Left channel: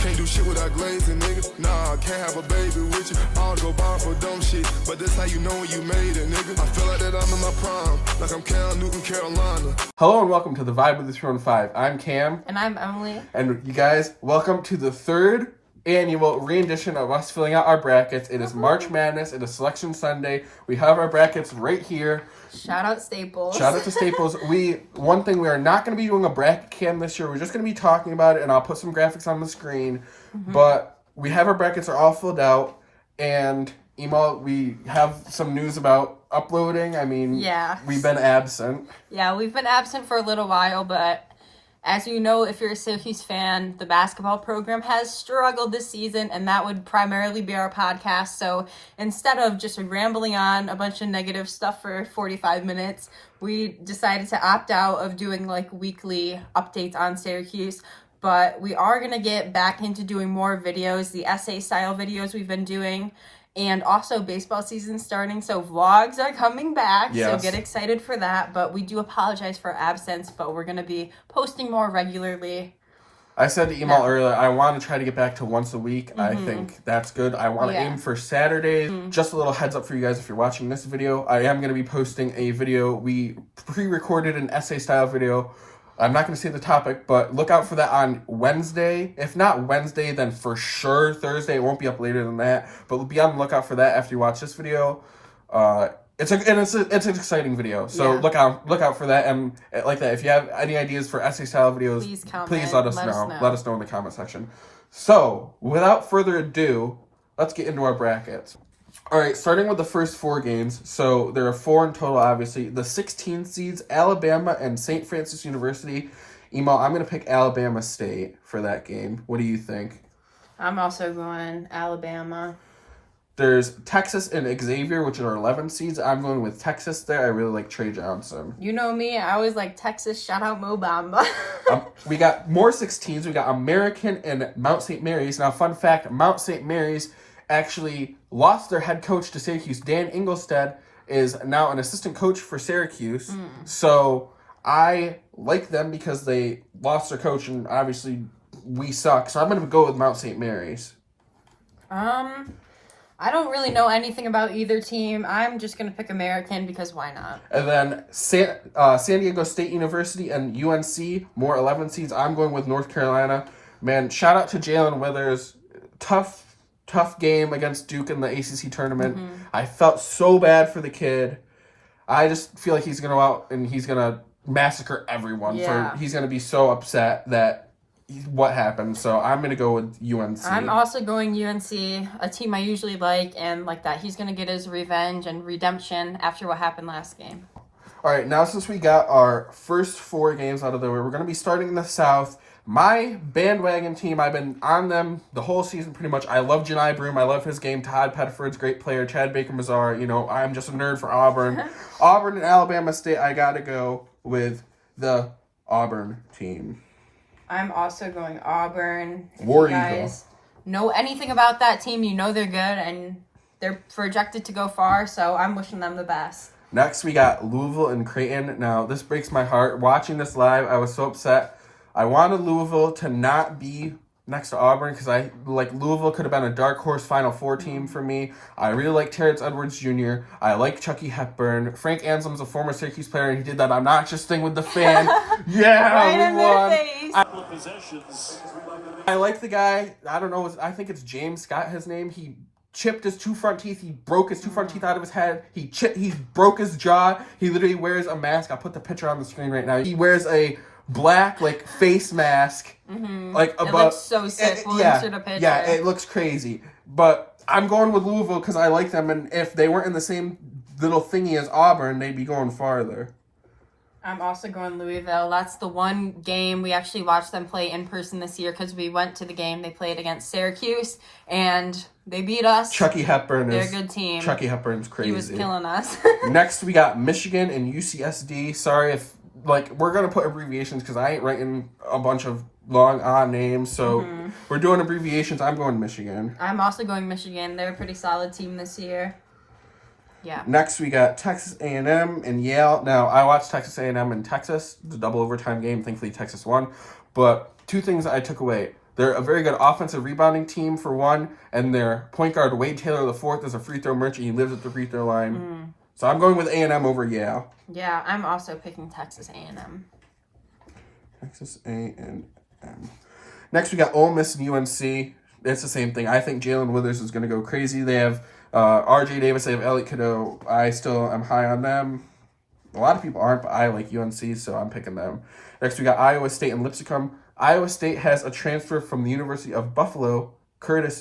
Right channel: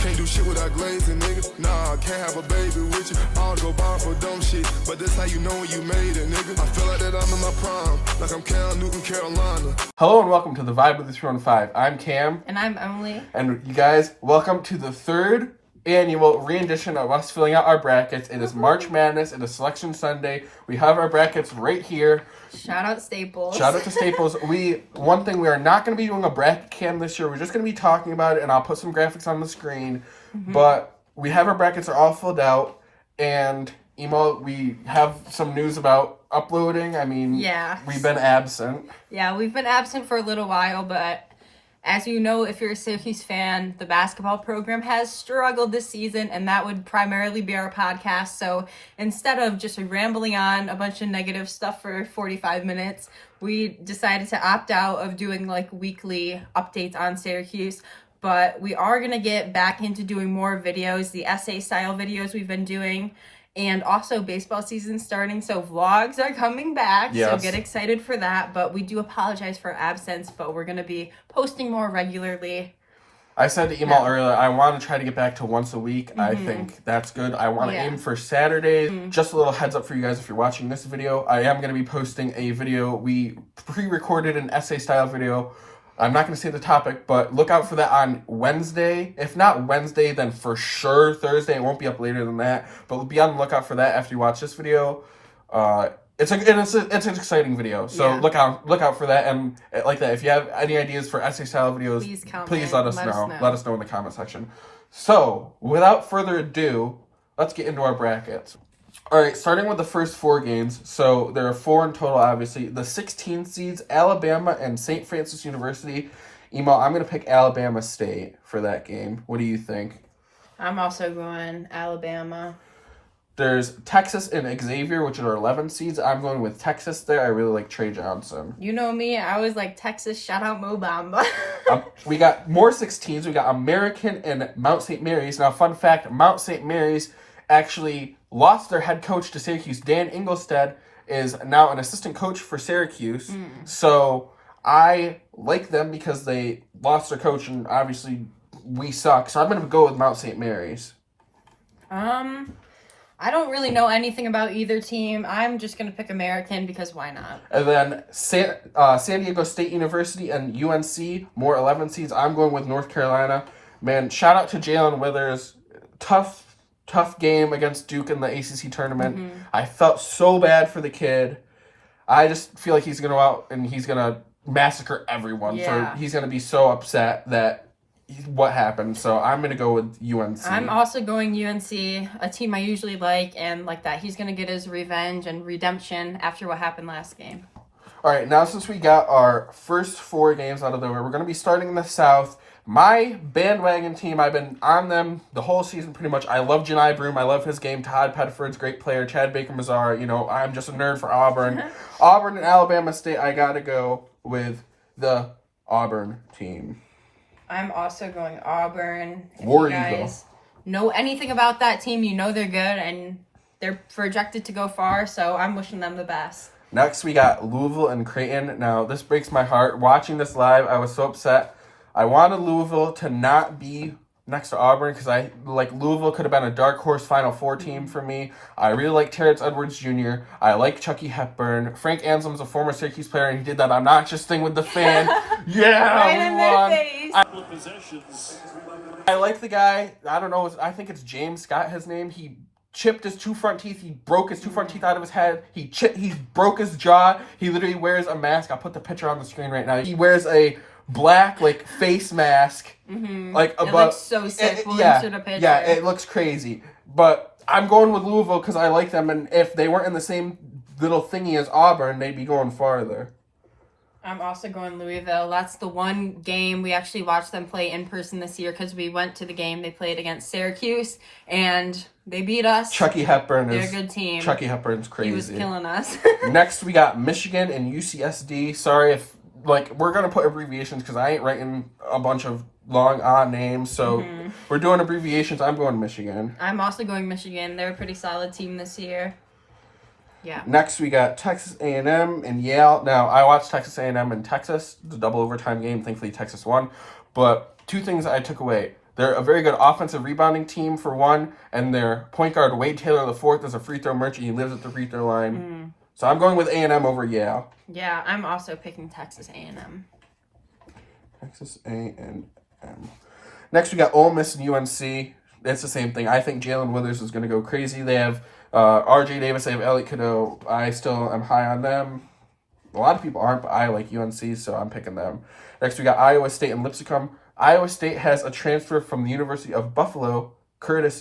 Can't do shit without glazing, nigga. Nah, can't have a baby with you. I don't go ball for dumb shit, but that's how you know when you made it, nigga. I feel like that I'm in my prime, like I'm Cam Newton, Carolina. Hello and welcome to the Vibe of the 315. I'm Cam. And I'm Emily. And you guys, welcome to the third annual re-edition of us filling out our brackets. It is March Madness. It is Selection Sunday. We have our brackets right here. Shout out Staples. Shout out to Staples. One thing, we are not going to be doing a bracket cam this year. We're just going to be talking about it, and I'll put some graphics on the screen. Mm-hmm. But we have our brackets are all filled out, and we have some news about uploading. I mean, we've been absent. Yeah, we've been absent for a little while, but as you know, if you're a Syracuse fan, the basketball program has struggled this season, and that would primarily be our podcast. So instead of just rambling on a bunch of negative stuff for 45 minutes, we decided to opt out of doing weekly updates on Syracuse. But we are going to get back into doing more videos, the essay style videos we've been doing. And also baseball season starting, so vlogs are coming back, So get excited for that. But we do apologize for our absence, but we're going to be posting more regularly. I said to Emal earlier, I want to try to get back to once a week. Mm-hmm. I think that's good. I want to aim for Saturdays. Mm-hmm. Just a little heads up for you guys if you're watching this video. I am going to be posting a video. We pre-recorded an essay style video. I'm not going to say the topic, but look out for that on Wednesday. If not Wednesday, then for sure Thursday. It won't be up later than that, but be on the lookout for that after you watch this video. It's an exciting video, so look out for that. And like that, if you have any ideas for essay style videos, please let us know. Let us know in the comment section. So without further ado, let's get into our brackets. All right, starting with the first four games. So there are four in total, obviously. The 16 seeds, Alabama and St. Francis University. Emo, I'm going to pick Alabama State for that game. What do you think? I'm also going Alabama. There's Texas and Xavier, which are 11 seeds. I'm going with Texas there. I really like Trey Johnson. You know me. I always like Texas. Shout out Mo Bamba. We got more 16s. We got American and Mount St. Mary's. Now, fun fact, Mount St. Mary's actually lost their head coach to Syracuse. Dan Engelstead is now an assistant coach for Syracuse. So I like them because they lost their coach, and obviously we suck. So I'm going to go with Mount St. Mary's. I don't really know anything about either team. I'm just going to pick American because why not? And then San Diego State University and UNC, more 11 seeds. I'm going with North Carolina. Man, shout out to Jalen Withers. Tough game against Duke in the ACC tournament. Mm-hmm. I felt so bad for the kid. I just feel like he's going to go out and he's going to massacre everyone. He's going to be so upset that what happened. So I'm going to go with UNC. I'm also going UNC, a team I usually like, and like that. He's going to get his revenge and redemption after what happened last game. All right, now since we got our first four games out of the way, we're going to be starting in the South. My bandwagon team, I've been on them the whole season pretty much. I love Janai Broom. I love his game. Todd Pettiford's a great player. Chad Baker-Mazar. I'm just a nerd for Auburn. Auburn and Alabama State, I got to go with the Auburn team. I'm also going Auburn. War Eagle. You guys know anything about that team, you know they're good, and they're projected to go far, so I'm wishing them the best. Next, we got Louisville and Creighton. Now, this breaks my heart. Watching this live, I was so upset. I wanted Louisville to not be next to Auburn because Louisville could have been a dark horse Final Four team for me. I really like Terrence Edwards Jr. I like Chucky Hepburn. Frank Anselm's a former Syracuse player, and he did that obnoxious thing with the fan. Yeah, we won. I like the guy. I don't know. I think it's James Scott, his name. He chipped his two front teeth. He broke his two front teeth out of his head. He broke his jaw. He literally wears a mask. I'll put the picture on the screen right now. He wears a black face mask. Mm-hmm. It looks so sick. We'll insert a picture. Yeah, it looks crazy. But I'm going with Louisville because I like them, and if they weren't in the same little thingy as Auburn, they'd be going farther. I'm also going Louisville. That's the one game we actually watched them play in person this year because we went to the game they played against Syracuse, and they beat us. Chucky Hepburn They're a good team. Chucky Hepburn's crazy. He was killing us. Next, we got Michigan and UCSD. Sorry if, we're going to put abbreviations because I ain't writing a bunch of long names, so we're doing abbreviations. I'm going Michigan. I'm also going Michigan. They're a pretty solid team this year. Yeah. Next, we got Texas A&M and Yale. Now, I watched Texas A&M and Texas, the double overtime game. Thankfully, Texas won. But two things I took away. They're a very good offensive rebounding team for one, and their point guard Wade Taylor IV is a free throw merchant. He lives at the free throw line. So I'm going with A&M over Yale. Yeah, I'm also picking Texas A&M. Texas A&M. Next, we got Ole Miss and UNC. It's the same thing. I think Jalen Withers is going to go crazy. They have R.J. Davis. They have Elliot Cadeau. I still am high on them. A lot of people aren't, but I like UNC, so I'm picking them. Next, we got Iowa State and Lipscomb. Iowa State has a transfer from the University of Buffalo, Curtis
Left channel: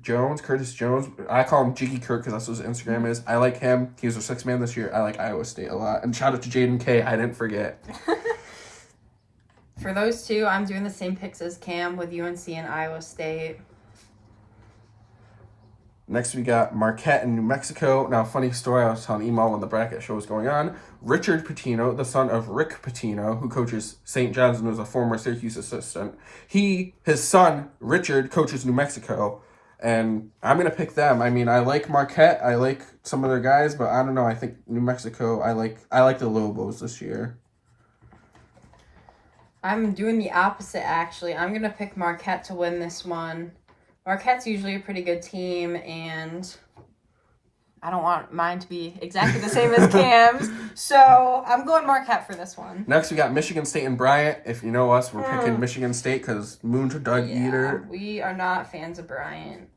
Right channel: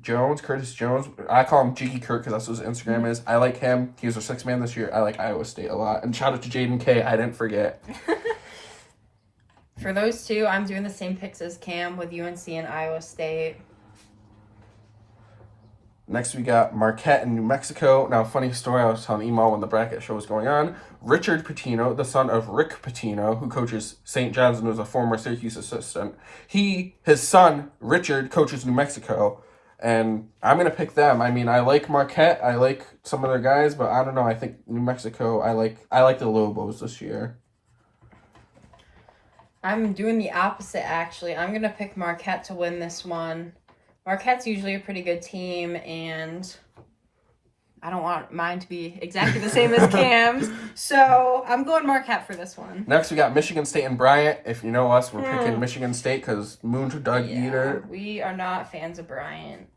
Jones. I call him Jiggy Kurt because that's what his Instagram is. I like him. He was a sixth man this year. I like Iowa State a lot. And shout out to Jaden K. I didn't forget. For those two, I'm doing the same picks as Cam with UNC and Iowa State. Next, we got Marquette and New Mexico. Now, funny story, I was telling Emo when the bracket show was going on. Richard Pitino, the son of Rick Pitino, who coaches St. John's and was a former Syracuse assistant. His son, Richard, coaches New Mexico. And I'm going to pick them. I mean, I like Marquette. I like some of their guys, but I don't know. I think New Mexico, I like the Lobos this year. I'm doing the opposite, actually. I'm going to pick Marquette to win this one. Marquette's usually a pretty good team, and I don't want mine to be exactly the same as Cam's. So I'm going Marquette for this one. Next, we got Michigan State and Bryant. If you know us, we're picking Michigan State because Moon's a Doug Eater. We are not fans of Bryant.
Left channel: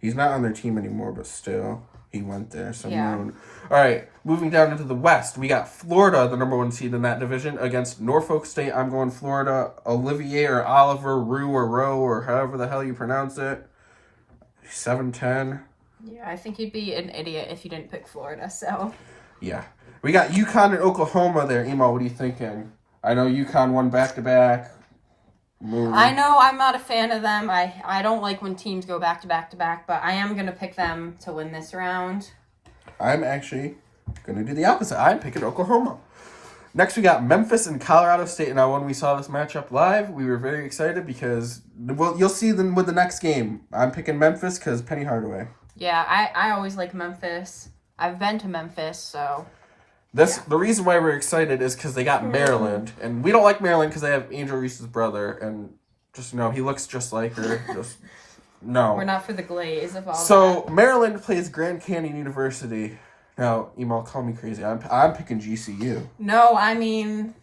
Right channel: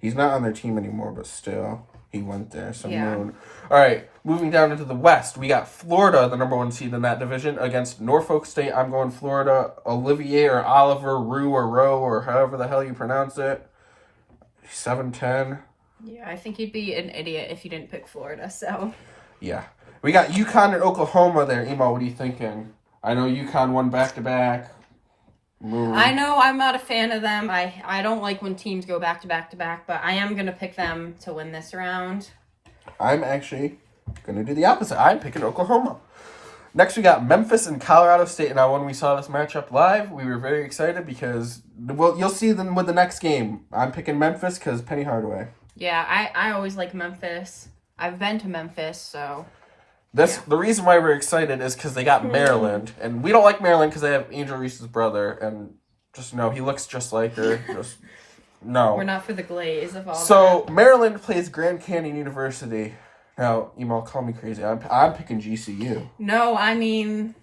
He's not on their team anymore, but still, he went there. So Moon. All right, moving down into the West, we got Florida, the number one seed in that division, against Norfolk State. I'm going Florida. Olivier or Oliver, Roux or Rowe, or however the hell you pronounce it. 7-10. Yeah, I think you'd be an idiot if you didn't pick Florida, so. Yeah. We got UConn and Oklahoma there. Emo, what are you thinking? I know UConn won back-to-back. I know I'm not a fan of them. I don't like when teams go back-to-back-to-back, but I am going to pick them to win this round. I'm actually going to do the opposite. I'm picking Oklahoma. Next, we got Memphis and Colorado State. Now, when we saw this matchup live, we were very excited because, well, you'll see them with the next game. I'm picking Memphis because Penny Hardaway. Yeah, I always like Memphis. I've been to Memphis, so... The reason why we're excited is because they got Maryland, and we don't like Maryland because they have Angel Reese's brother, and just he looks just like her. No. We're not for the glaze of all So, Maryland plays Grand Canyon University. Now, Emo, call me crazy. I'm picking GCU. No, I mean,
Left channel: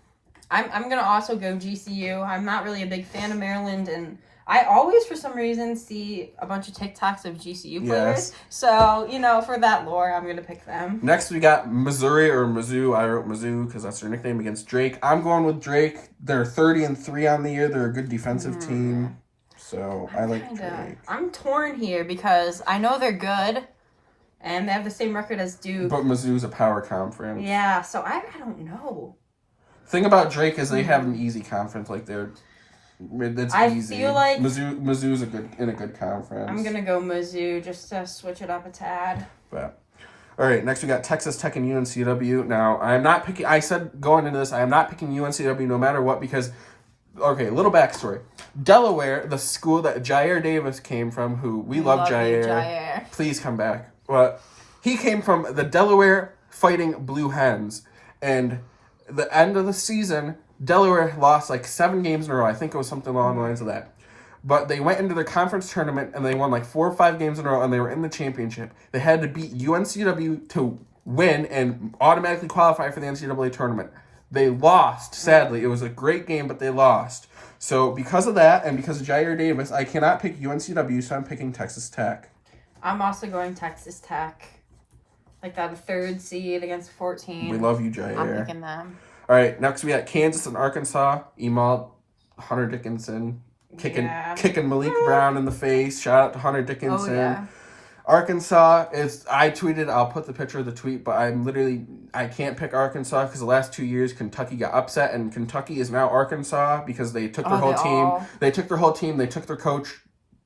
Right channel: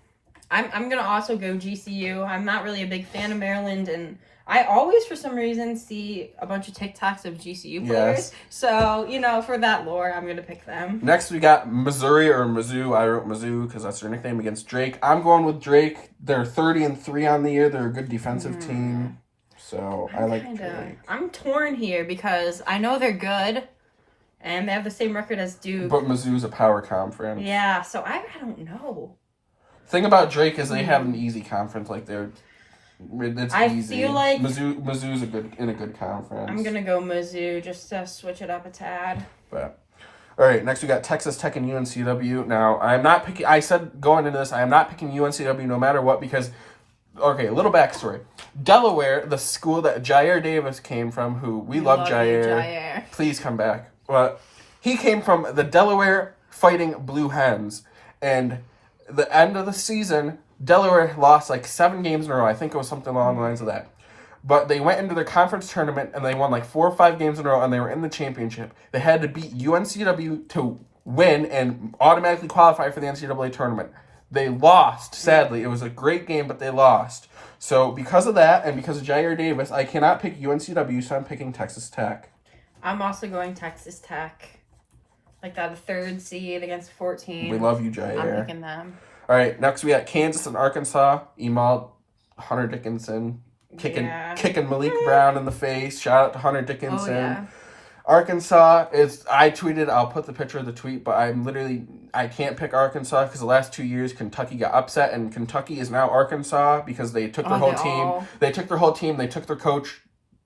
I'm going to also go GCU. I'm not really a big fan of Maryland, and I always, for some reason, see a bunch of TikToks of GCU players. Yes. So, for that lore, I'm going to pick them. Next, we got Missouri or Mizzou. I wrote Mizzou because that's their nickname against Drake. I'm going with Drake. They're 30-3 on the year. They're a good defensive team. So, I like Drake. I'm torn here because I know they're good, and they have the same record as Duke. But Mizzou's a power conference. Yeah, so I don't know. Thing about Drake is they have an easy conference. Like, it's easy. Feel like Mizzou's in a good conference. I'm gonna go Mizzou just to switch it up a tad. But all right, next we got Texas Tech and UNCW. Now I'm not picking. I said going into this, I am not picking UNCW no matter what because. Okay, a little backstory. Delaware, the school that Jair Davis came from, who we love Jair. Please come back. But he came from the Delaware Fighting Blue Hens, and the end of the season. Delaware lost like 7 games in a row. I think it was something along the lines of that. But they went into their conference tournament and they won like 4 or 5 games in a row and they were in the championship. They had to beat UNCW to win and automatically qualify for the NCAA tournament. They lost, sadly. It was a great game, but they lost. So because of that and because of Jair Davis, I cannot pick UNCW, so I'm picking Texas Tech. I'm also going Texas Tech. Like that 3rd seed against 14. We love you, Jair. I'm picking them. All right, next we got Kansas and Arkansas. Emal, Hunter Dickinson, kicking Malik Brown in the face. Shout out to Hunter Dickinson. Oh, yeah. Arkansas I tweeted, I'll put the picture of the tweet, but I can't pick Arkansas because the last 2 years Kentucky got upset, and Kentucky is now Arkansas because they took their whole team. They took their whole team, they took their coach.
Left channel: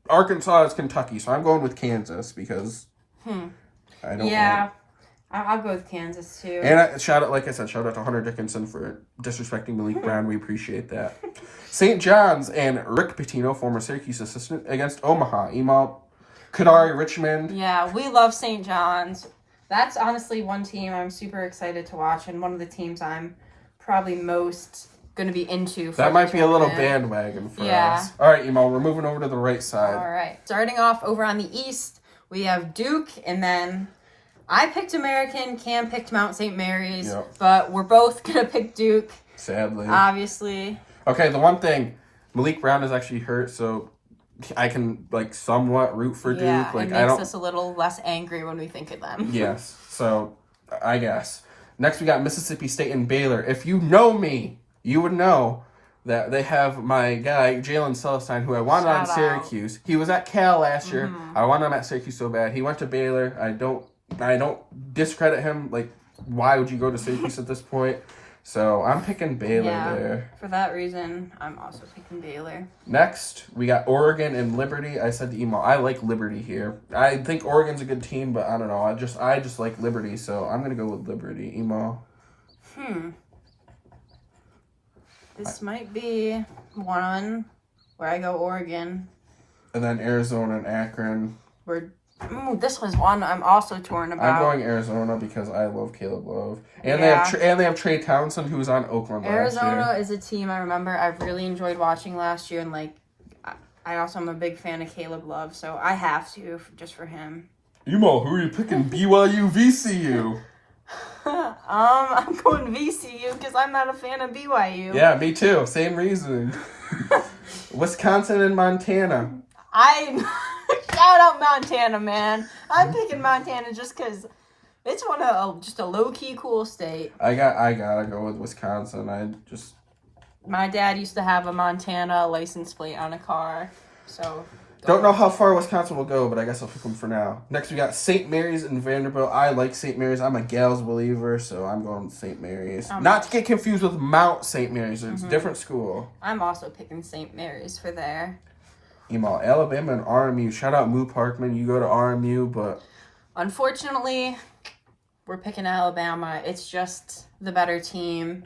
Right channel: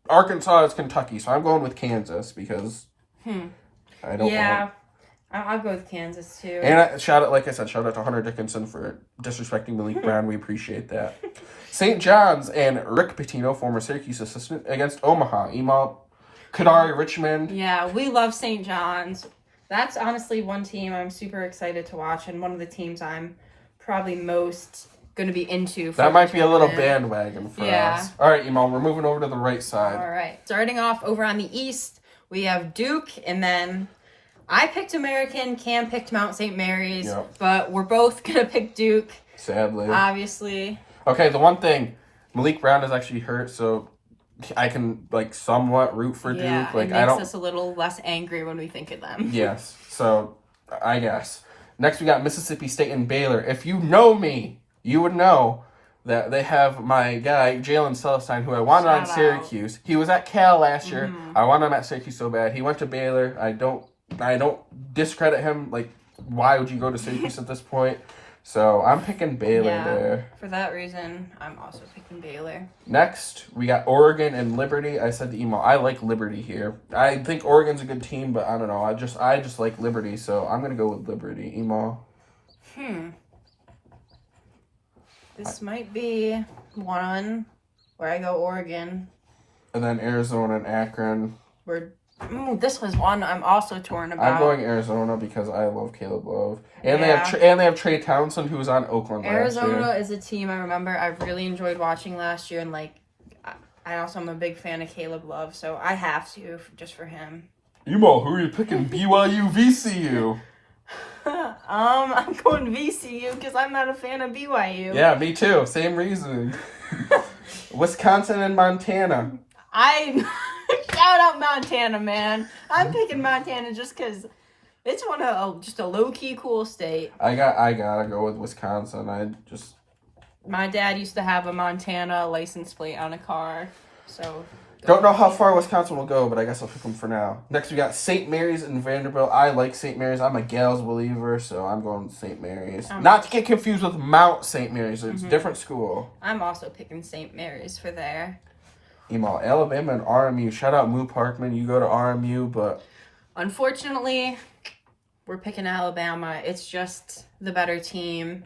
Arkansas is Kentucky, so I'm going with Kansas because I don't want... I'll go with Kansas, too. And shout out to Hunter Dickinson for disrespecting Malik Brown. We appreciate that. St. John's and Rick Pitino, former Syracuse assistant, against Omaha. Emal, Kadari, Richmond. Yeah, we love St. John's. That's honestly one team I'm super excited to watch, and one of the teams I'm probably most going to be into. That might be a little bandwagon for us. All right, Emo, we're moving over to the right side. All right. Starting off over on the East, we have Duke, and then I picked American, Cam picked Mount St. Mary's, but we're both going to pick Duke. Sadly. Obviously. Okay, the one thing, Malik Brown is actually hurt, so I can, like, somewhat root for Duke. Like, it makes us a little less angry when we think of them. Yes, so I guess. Next, we got Mississippi State and Baylor. If you know me, you would know that they have my guy, Jalen Celestine, who I wanted on Syracuse. He was at Cal last year. I wanted him at Syracuse so bad. He went to Baylor. I don't discredit him. Like, why would you go to Syracuse at this point? So I'm picking Baylor there. For that reason, I'm also picking Baylor. Next, we got Oregon and Liberty. I said to Emo, I like Liberty here. I think Oregon's a good team, but I don't know. I just like Liberty, so I'm gonna go with Liberty. Emo. This might be one where I go Oregon. And then Arizona and Akron. This was one I'm also torn about. I'm going Arizona because I love Caleb Love, and they have Trey Townsend, who's on Oakland. Arizona is a team I remember I've really enjoyed watching last year, and like I also am a big fan of Caleb Love, so I have to just for him. Emo, who are you picking? BYU, VCU. I'm going VCU because I'm not a fan of BYU. Yeah, me too. Same reason. Wisconsin and Montana. Shout out Montana, man. I'm picking Montana just because it's just a low-key cool state. I gotta go with Wisconsin. My dad used to have a Montana license plate on a car, so... Don't know how far Wisconsin will go, but I guess I'll pick them for now. Next, we got St. Mary's and Vanderbilt. I like St. Mary's. I'm a Gals believer, so I'm going with St. Mary's. Not to get confused with Mount St. Mary's. It's a different school. I'm also picking St. Mary's for there. Emo, Alabama and RMU. Shout out Moo Parkman. You go to RMU, but... Unfortunately, we're picking Alabama. It's just the better team.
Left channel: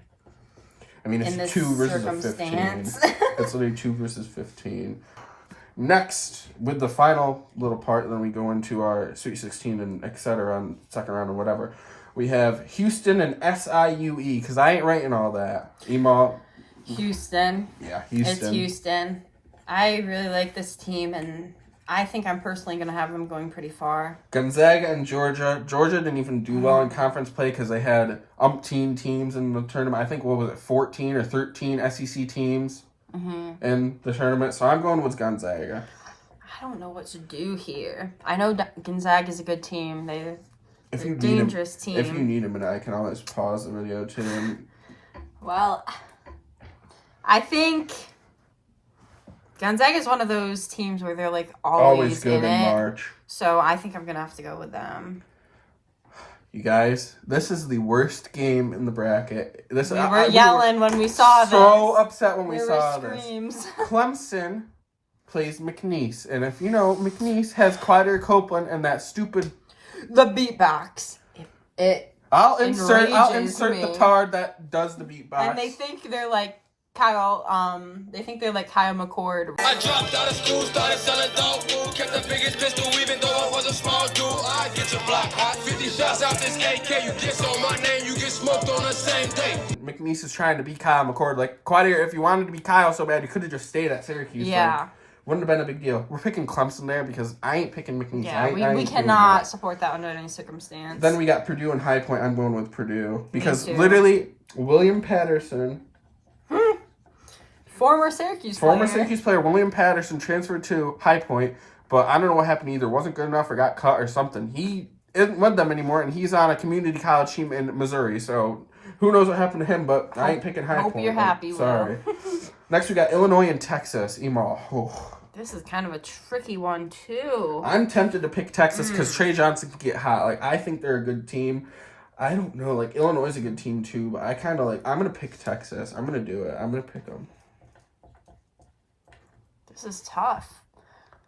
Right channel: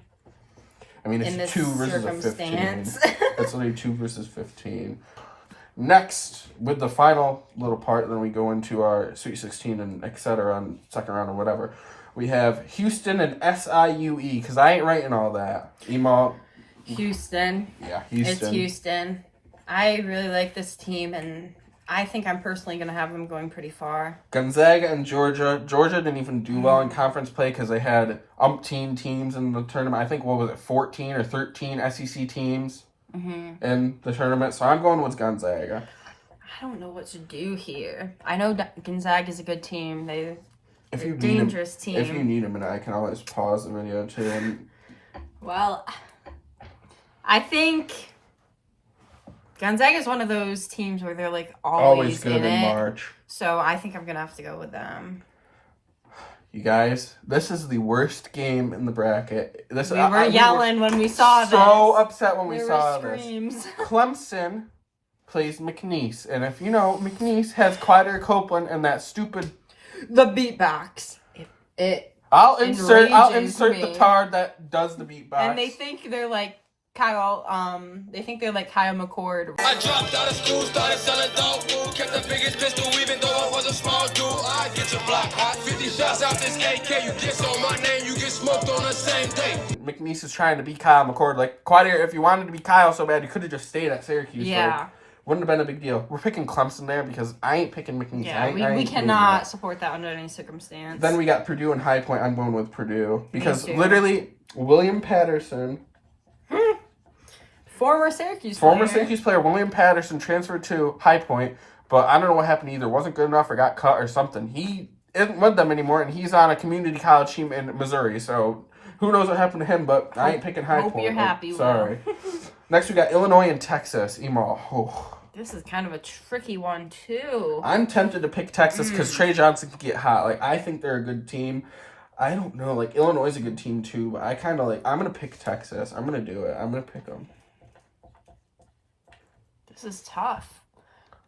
I mean, it's 2 versus 15. It's literally 2 versus 15. Next, with the final little part, then we go into our Sweet 16 and et cetera on second round or whatever. We have Houston and SIUE, because I ain't writing all that. Emo. Houston. Yeah, Houston. It's Houston. I really like this team, and I think I'm personally going to have them going pretty far. Gonzaga and Georgia. Georgia didn't even do well in conference play because they had umpteen teams in the tournament. I think, 14 or 13 SEC teams in the tournament. So I'm going with Gonzaga. I don't know what to do here. I know Gonzaga is a good team. They're a team. If you need a minute, I can always pause the video too. Well, I think... Gonzaga is one of those teams where they're like always good in March. So I think I'm going to have to go with them. You guys, this is the worst game in the bracket. We were yelling when we saw this. So upset when we saw this. Clemson plays McNeese. And if you know, McNeese has Clyder Copeland and that stupid... The beatbox. I'll insert the tard that does the beatbox. And they think they're like Kyle McCord. I dropped out of school, started selling dog food, kept the biggest pistol even though I was a small dude. I get your block hot, 50 shots out this AK, you diss on my name, you get smoked on the same day. McNeese is trying to be Kyle McCord. Like, Quadir, if you wanted to be Kyle so bad, you could have just stayed at Syracuse. Yeah. Like, wouldn't have been a big deal. We're picking Clemson there because I ain't picking McNeese. Yeah, we cannot support that under any circumstance. Then we got Purdue and High Point. I'm going with Purdue because literally William Patterson... Former Syracuse player William Patterson transferred to High Point, but I don't know what happened. Either wasn't good enough or got cut or something. He isn't with them anymore, and he's on a community college team in Missouri. So who knows what happened to him? But I ain't picking High Point. Hope you're happy. Sorry. Next we got Illinois and Texas. Emo. Oh. This is kind of a tricky one too. I'm tempted to pick Texas because Trey Johnson can get hot. Like, I think they're a good team. I don't know. Like, Illinois is a good team too, but I kind of like. I'm gonna pick Texas. I'm gonna do it. I'm gonna pick them. This is tough.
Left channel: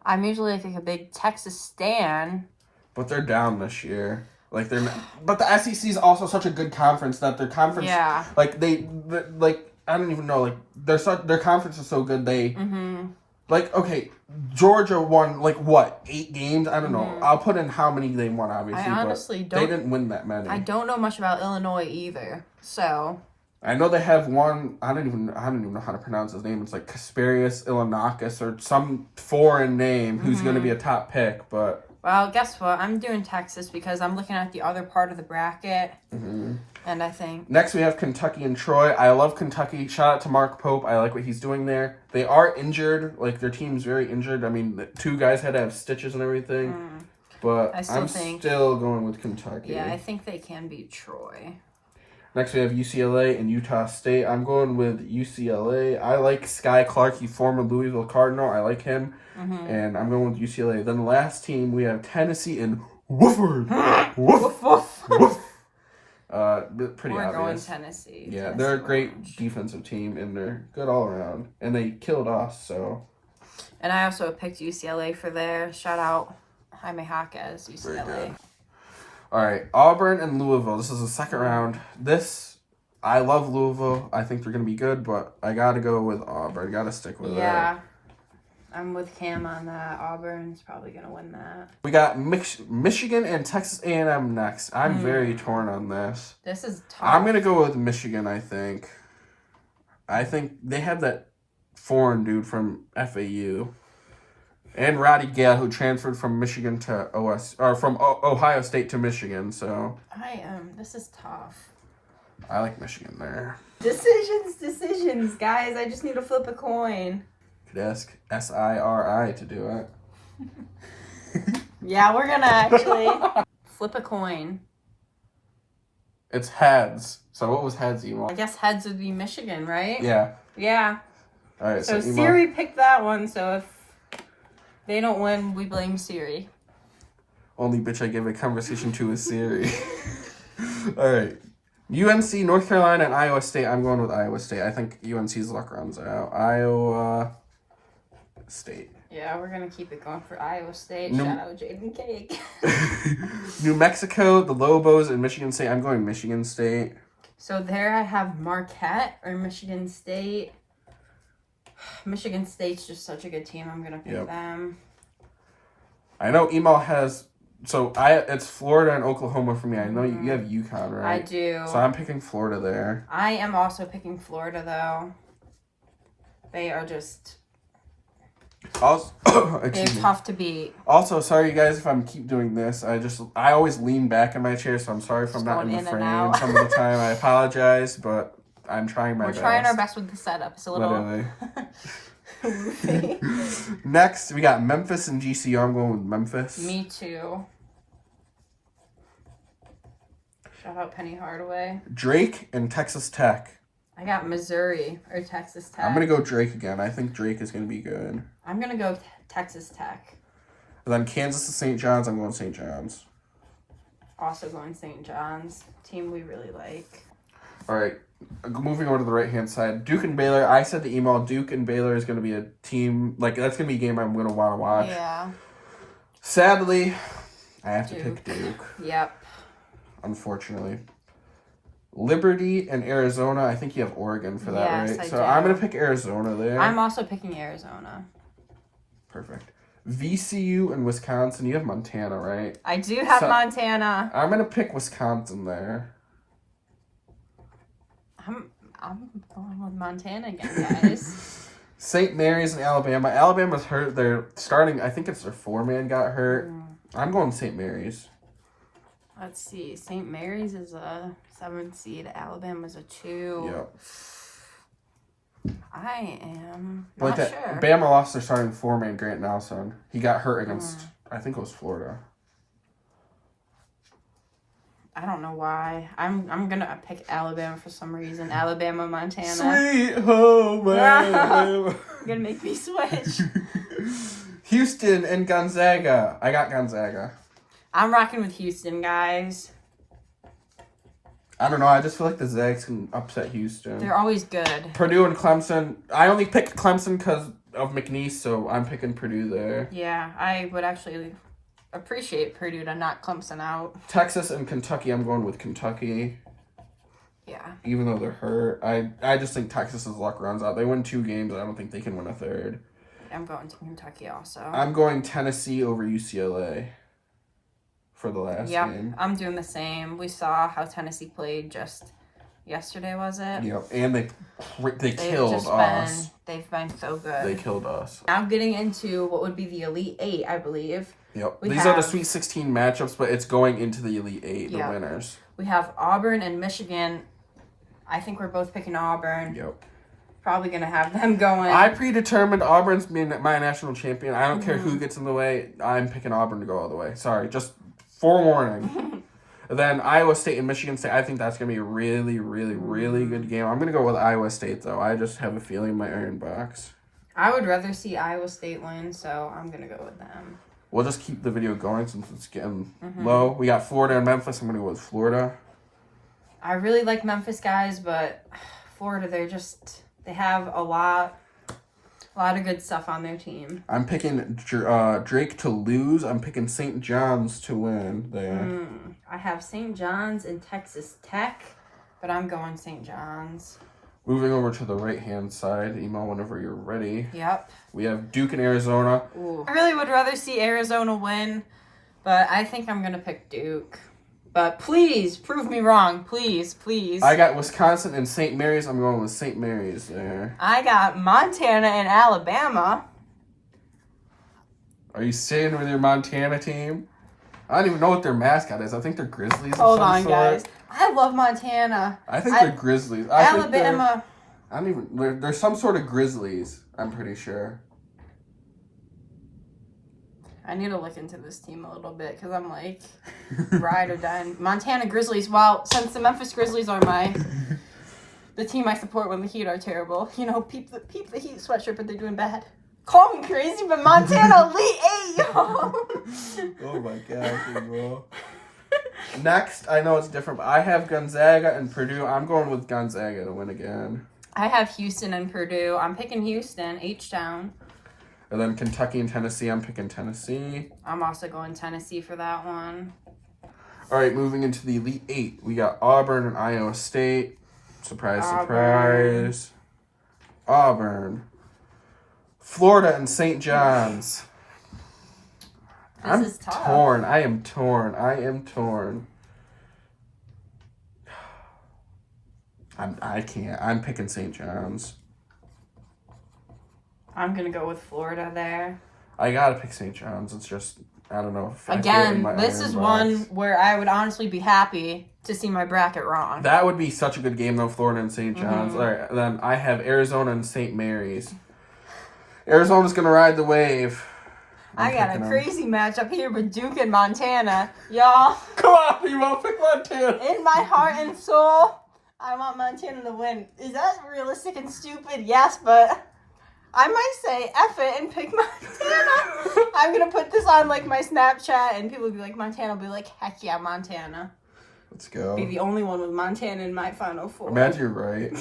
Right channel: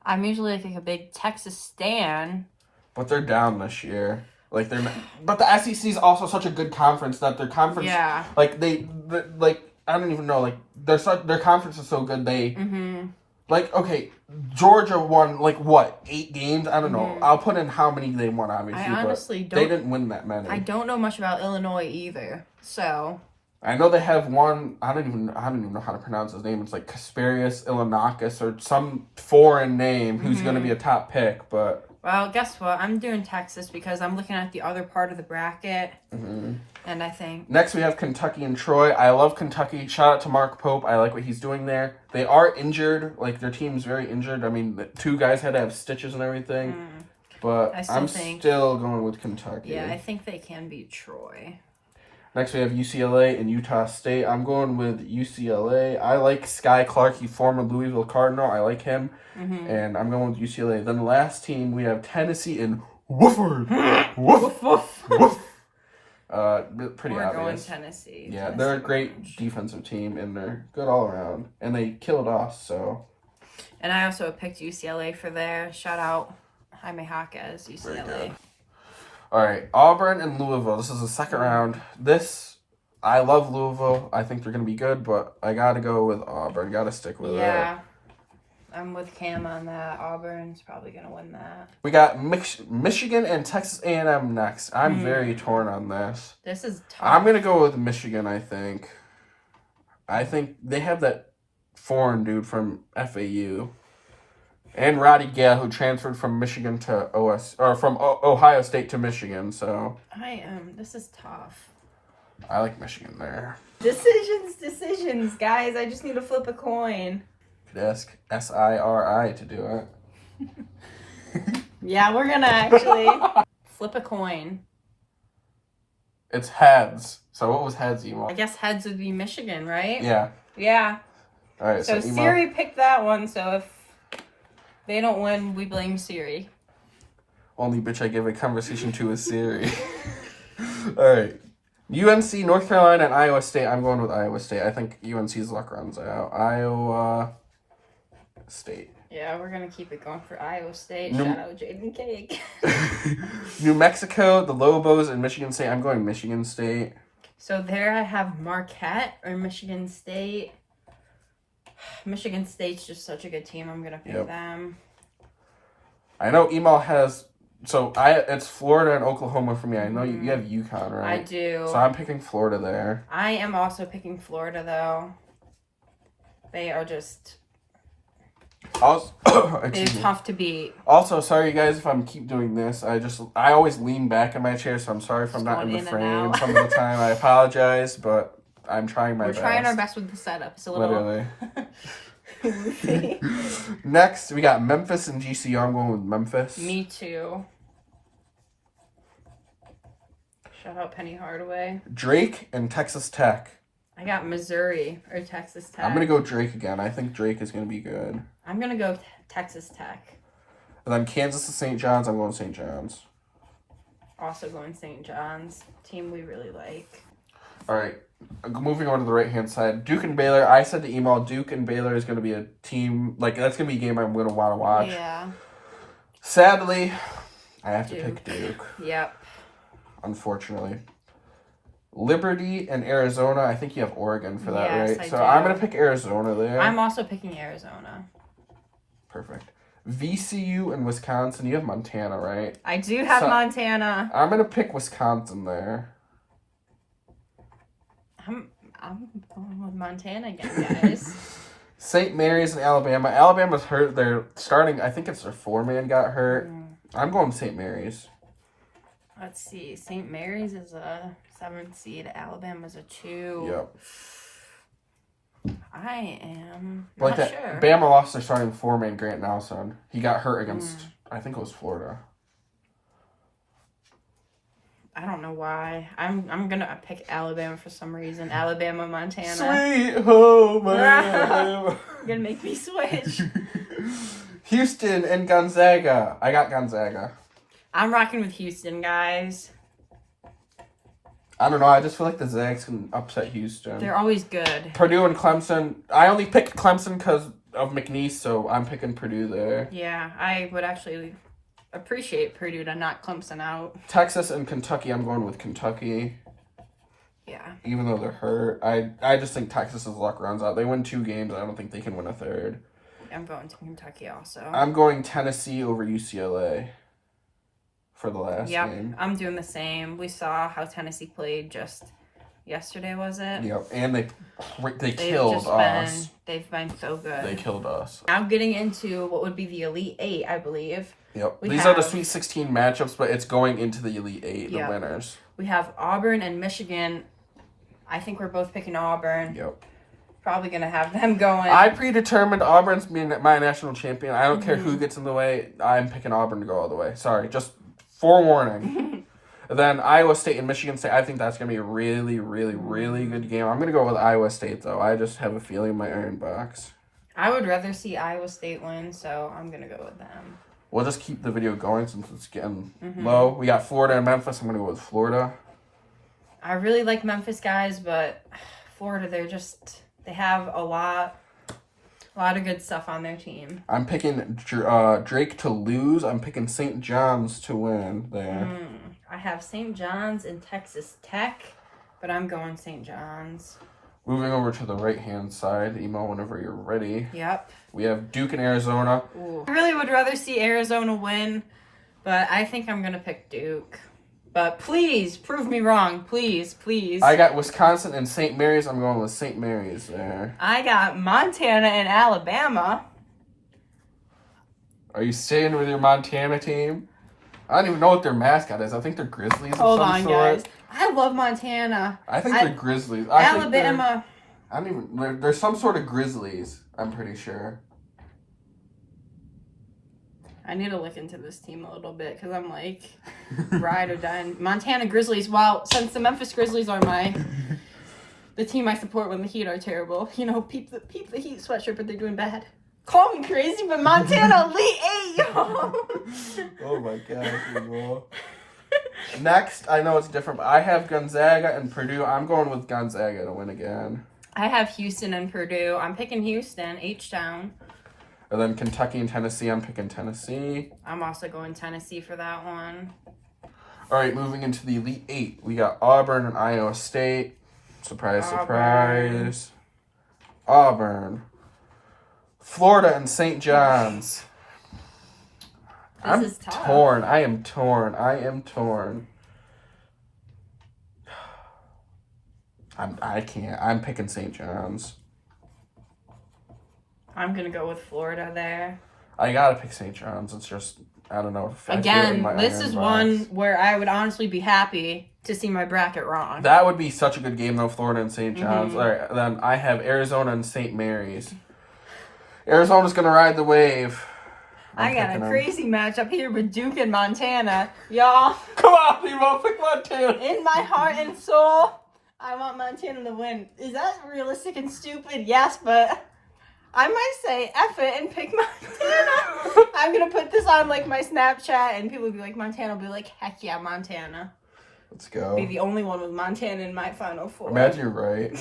I'm usually like a big Texas stan. But they're down this year. Like, they're not, but the SEC is also such a good conference that their conference... Yeah. Like, I don't even know. Like, their conference is so good, they... Like, okay, Georgia won, 8 games? I don't know. I'll put in how many they won, obviously. I honestly don't... They didn't win that many. I don't know much about Illinois either, so... I know they have one. I don't even know how to pronounce his name. It's like Kasperius Ilanakis or some foreign name who's going to be a top pick. But well, guess what? I'm doing Texas because I'm looking at the other part of the bracket, and I think next we have Kentucky and Troy. I love Kentucky. Shout out to Mark Pope. I like what he's doing there. They are injured. Like their team's very injured. I mean, the 2 guys had to have stitches and everything. But I'm still going with Kentucky. Yeah, I think they can beat Troy. Next, we have UCLA and Utah State. I'm going with UCLA. I like Sky Clark. He former Louisville Cardinal. I like him. And I'm going with UCLA. Then the last team, we have Tennessee and Wofford. Woof. Woof. Pretty We're obvious. Going Tennessee. Yeah, Tennessee they're a great defensive team, and they're good all around. And they killed us, so. And I also picked UCLA for there. Shout out Jaime Jaquez, UCLA. Very good. All right, Auburn and Louisville. This is the second round. I love Louisville. I think they're going to be good, but I got to go with Auburn. Got to stick with it. Yeah, I'm with Cam on that. Auburn's probably going to win that. We got Michigan and Texas A&M next. I'm very torn on this. This is tough. I'm going to go with Michigan, I think. I think they have that foreign dude from FAU. And Roddy Gale, who transferred from Michigan to from Ohio State to Michigan, so. This is tough. I like Michigan there. Decisions, guys. I just need to flip a coin. Could ask SIRI to do it. Yeah, we're gonna actually flip a coin. It's heads. So what was heads, Emo? I guess heads would be Michigan, right? Yeah. Yeah. All right, So Emo. Siri picked that one, so if they don't win, we blame Siri. Only bitch I give a conversation to is Siri. All right. UNC, North Carolina, and Iowa State. I'm going with Iowa State. I think UNC's luck runs out. Iowa State. Yeah, we're going to keep it going for Iowa State. Shout out Jaden Cake. New Mexico, the Lobos, and Michigan State. I'm going Michigan State. So there I have Marquette or Michigan State. Michigan State's just such a good team. I'm going to pick them. I know Emal has... So it's Florida and Oklahoma for me. I know you have UConn, right? I do. So I'm picking Florida there. I am also picking Florida, though. They are just... Also, they're tough to beat. Also, sorry guys if I'm keep doing this. I always lean back in my chair, so I'm sorry if I'm not in the frame some of the time. I apologize, but I'm trying my best. We're trying our best with the setup. It's a little... Literally. Next, we got Memphis and GCU. I'm going with Memphis. Me too. Shout out Penny Hardaway. Drake and Texas Tech. I got Missouri or Texas Tech. I'm going to go Drake again. I think Drake is going to be good. I'm going to go Texas Tech. And then Kansas to St. John's. I'm going St. John's. Also going St. John's. Team we really like. All right. Moving on to the right-hand side. Duke and Baylor. I said to email, Duke and Baylor is going to be a team. Like, that's going to be a game I'm going to want to watch. Yeah. Sadly, I have to pick Duke. Yep. Unfortunately. Liberty and Arizona. I think you have Oregon for that, yes, right? I So do. I'm going to pick Arizona there. I'm also picking Arizona. Perfect. VCU and Wisconsin. You have Montana, right? I do have Montana. I'm going to pick Wisconsin there. I'm going with Montana again, guys. St. Mary's and Alabama. Alabama's hurt. They're starting, I think it's their 4-man got hurt. I'm going St. Mary's. Let's see. St. Mary's is a 7th seed. Alabama's a 2. Yep. I am not sure. Bama lost their starting 4-man, Grant Nelson. He got hurt against, I think it was Florida. I don't know why. I'm gonna pick Alabama for some reason. Alabama, Montana. Sweet home Alabama. You're gonna make me switch. Houston and Gonzaga. I got Gonzaga. I'm rocking with Houston, guys. I don't know. I just feel like the Zags can upset Houston. They're always good. Purdue and Clemson. I only picked Clemson because of McNeese, so I'm picking Purdue there. Yeah, I would actually appreciate Purdue to knock Clemson out. Texas and Kentucky. I'm going with Kentucky. Yeah. Even though they're hurt. I just think Texas's luck runs out. They win 2 games, and I don't think they can win a third. I'm going to Kentucky also. I'm going Tennessee over UCLA for the last game. I'm doing the same. We saw how Tennessee played just, yesterday, was it? Yep, and they killed us. They've been so good. They killed us. Now getting into what would be the Elite Eight, I believe. Yep. These are the Sweet 16 matchups, but it's going into the Elite Eight, the winners. We have Auburn and Michigan. I think we're both picking Auburn. Yep. Probably going to have them going. I predetermined Auburn's being my national champion. I don't care who gets in the way. I'm picking Auburn to go all the way. Sorry, just forewarning. Then Iowa State and Michigan State. I think that's going to be a really, really, really good game. I'm going to go with Iowa State, though. I just have a feeling in my iron box. I would rather see Iowa State win, so I'm going to go with them. We'll just keep the video going since it's getting low. We got Florida and Memphis. I'm going to go with Florida. I really like Memphis guys, but Florida, they have a lot of good stuff on their team. I'm picking Drake to lose. I'm picking St. John's to win there. I have St. John's and Texas Tech, but I'm going St. John's. Moving over to the right-hand side, email whenever you're ready. Yep. We have Duke and Arizona. Ooh. I really would rather see Arizona win, but I think I'm going to pick Duke. But please, prove me wrong. Please, please. I got Wisconsin and St. Mary's. I'm going with St. Mary's there. I got Montana and Alabama. Are you staying with your Montana team? I don't even know what their mascot is. I think they're Grizzlies of Hold some on, sort. guys. I love Montana. I think they're Grizzlies. Alabama. I don't even... There's some sort of Grizzlies, I'm pretty sure. I need to look into this team a little bit because I'm like, ride or die. Montana Grizzlies. Well, since the Memphis Grizzlies are the team I support when the Heat are terrible. You know, peep the Heat sweatshirt, but they're doing bad. Call me crazy, but Montana Elite 8, yo! Oh my gosh, bro. Next, I know it's different, but I have Gonzaga and Purdue. I'm going with Gonzaga to win again. I have Houston and Purdue. I'm picking Houston, H-Town. And then Kentucky and Tennessee, I'm picking Tennessee. I'm also going Tennessee for that one. All right, moving into the Elite Eight. We got Auburn and Iowa State. Surprise, surprise. Auburn. Florida and St. John's. This is tough. Torn. I am torn. I can't. I'm picking St. John's. I'm going to go with Florida there. I got to pick St. John's. It's just, I don't know. If Again, this is one where I would honestly be happy to see my bracket wrong. That would be such a good game, though, Florida and St. John's. All right, then I have Arizona and St. Mary's. Arizona's going to ride the wave. I got a crazy matchup here with Duke and Montana. Y'all. Come on, Nemo, pick Montana. In my heart and soul, I want Montana to win. Is that realistic and stupid? Yes, but I might say F it and pick Montana. I'm going to put this on like my Snapchat and people will be like, Montana will be like, heck yeah, Montana. Let's go. Be the only one with Montana in my Final Four. Imagine you're right.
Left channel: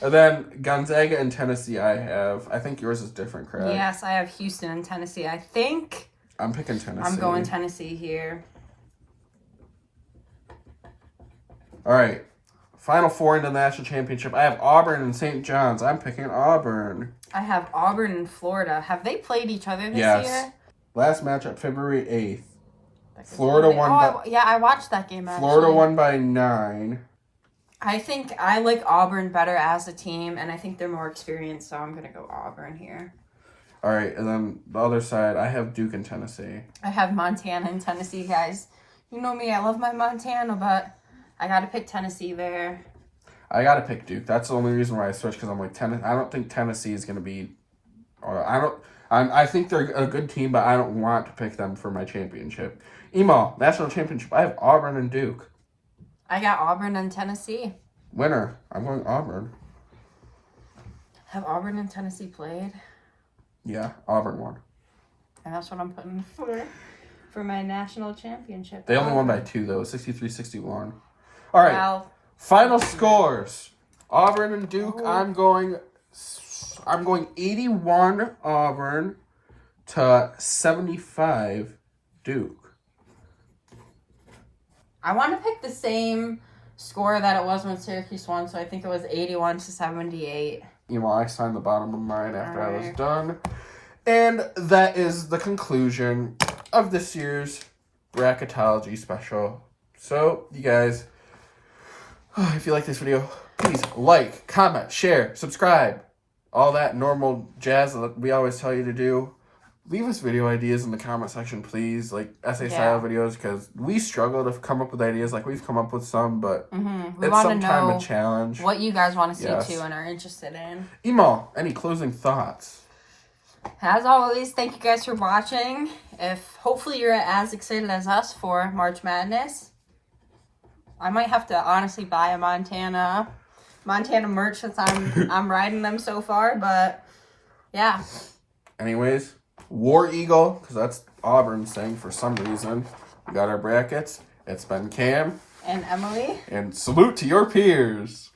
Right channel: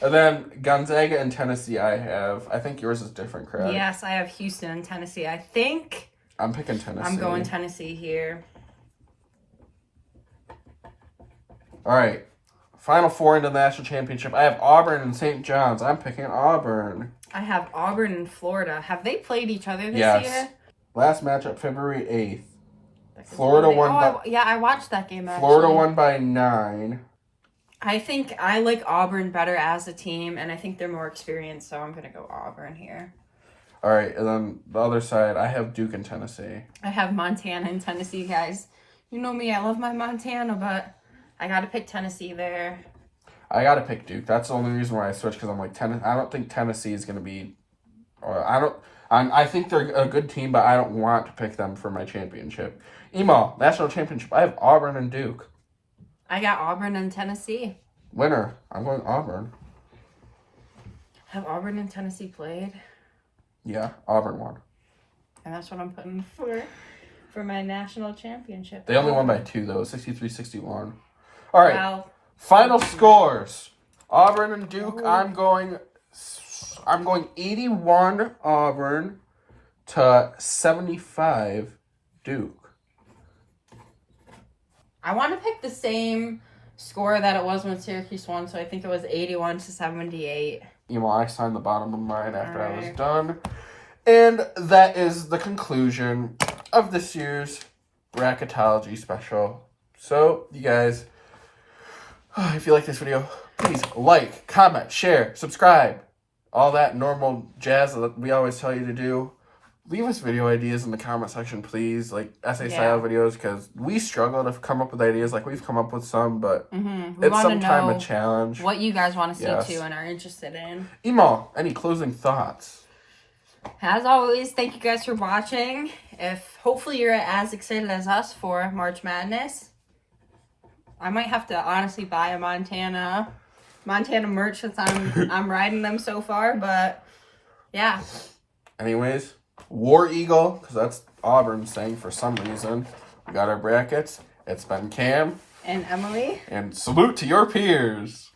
And then Gonzaga and Tennessee I have. I think yours is different, correct? Yes, I have Houston and Tennessee. I think I'm picking Tennessee. I'm going Tennessee here. All right. Final four into the national championship. I have Auburn and St. John's. I'm picking Auburn. I have Auburn and Florida. Have they played each other this year? Last matchup, February 8th. Florida won yeah, I watched that game actually. Florida won by 9. I think I like Auburn better as a team, and I think they're more experienced, so I'm going to go Auburn here. All right, and then the other side, I have Duke and Tennessee. I have Montana and Tennessee, guys. You know me, I love my Montana, but I got to pick Tennessee there. I got to pick Duke. That's the only reason why I switched, because I'm like, I don't think Tennessee is going to be, I think they're a good team, but I don't want to pick them for my championship. Emo, national championship, I have Auburn and Duke. I got Auburn and Tennessee. Winner. I'm going Auburn. Have Auburn and Tennessee played? Yeah, Auburn won. And that's what I'm putting for my national championship. They only won by 2, though. 63-61. All right. Well, final scores. Auburn and Duke. I'm going 81 Auburn to 75 Duke. I want to pick the same score that it was when Syracuse won, so I think it was 81 to 78. I signed the bottom of mine after I was done. And that is the conclusion of this year's bracketology special. So, you guys, If you like this video, please like, comment, share, subscribe. All that normal jazz that we always tell you to do. Leave us video ideas in the comment section, please. Like essay style videos, because we struggle to come up with ideas. Like we've come up with some, but it's sometimes a challenge. What you guys want to see too and are interested in. Emo, any closing thoughts? As always, thank you guys for watching. Hopefully you're as excited as us for March Madness. I might have to honestly buy a Montana merch since I'm riding them so far, but yeah. Anyways, War Eagle, because that's Auburn's thing for some reason. We got our brackets. It's been Cam and Emily. And salute to your peers.